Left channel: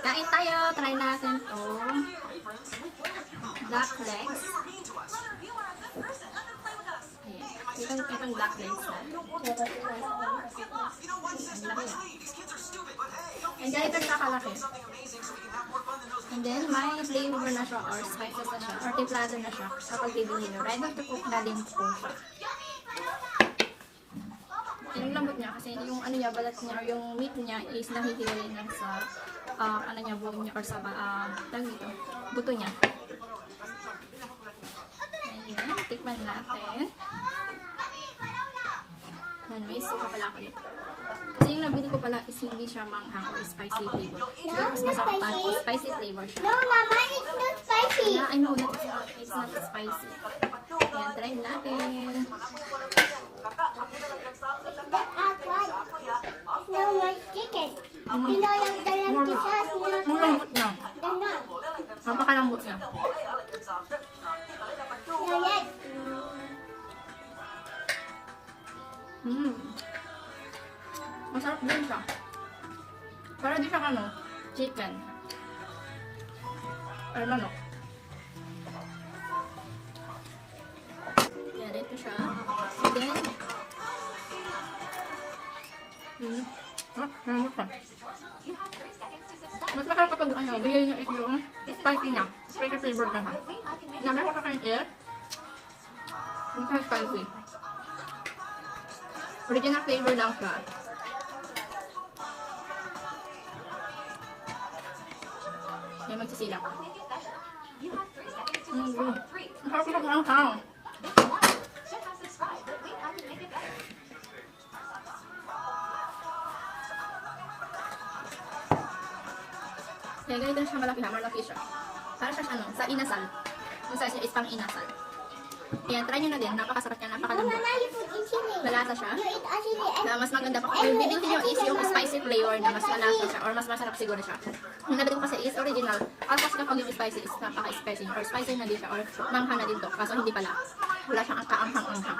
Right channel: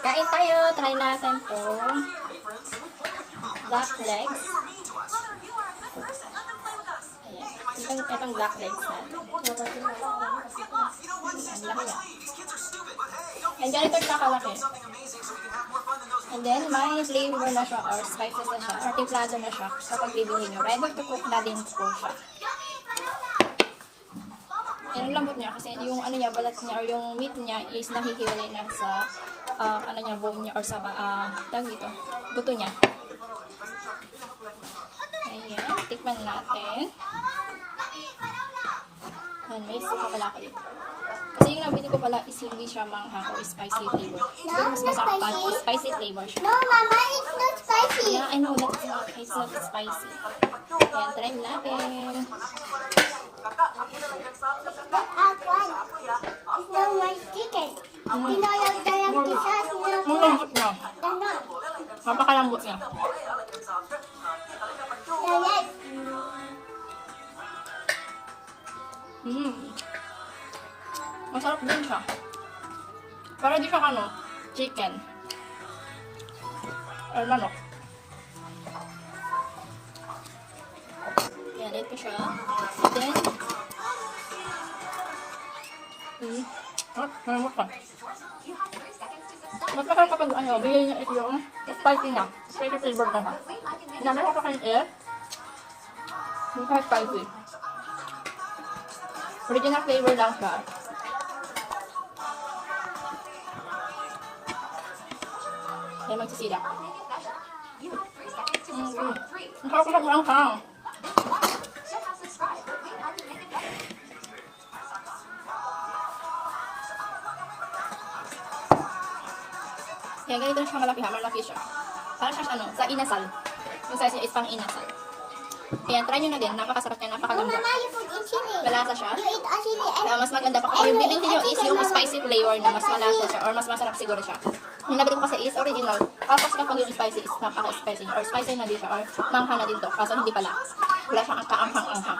Kain tayo. Try natin to. Duck legs. Ayan. Itong duck legs na. Ang laki. And ganito siya kalaki. And then, may flavor na siya or spices na siya or timplado na siya. So, pag bibili nyo, ready to cook na din po siya. Yung lambot niya kasi yung ano niya, balat niya or yung meat niya is nahihiwalay na sa ano niya, bone niya or sa tawag dito, buto niya. Ayan, tikman natin. Ayan, may suka pala ako dito. Kasi yung nabili ko pala is hindi siya manghang or spicy flavor. Siguro mas masarap pa o spicy flavor siya. No, Mama, it's not spicy. Yeah, I know, it's not spicy. Ayan, try natin. It's no white chicken. You know, like the empty sauce, Ang lambot niya. they're not. Napakalambot niya. They're like, Masarap din siya. Para di siya ano, chicken. Or manok. Yan, ito siya. And then, malambot siya. Mas masarap kapag ano, bigay niyo ito yung spicy niya. Spicy flavor na siya. Namin ko sa kanyang air. Hindi ka spicy. Original flavor lang siya. Kaya magsisilak. Masarap ko lang siya. Kaya ganito siya malaki ha, malaki siya. Parang siya ano, sa inasal. Yung size niya is pang inasal. Kaya try nyo na din, napakasarap niya, no, napakalambot. Mama, you put in chili. Malasa siya. You eat a chili and Na mas maganda pa kung yung bibili nyo is yung spicy flavor na mas malasa siya or mas masarap siguro siya. Yung nabili ko kasi is original. Tapos kapag yung spicy is napaka-spicy or spicy na din siya or mangha na din to. Kaso hindi pala. Wala siyang kaanghang-anghang.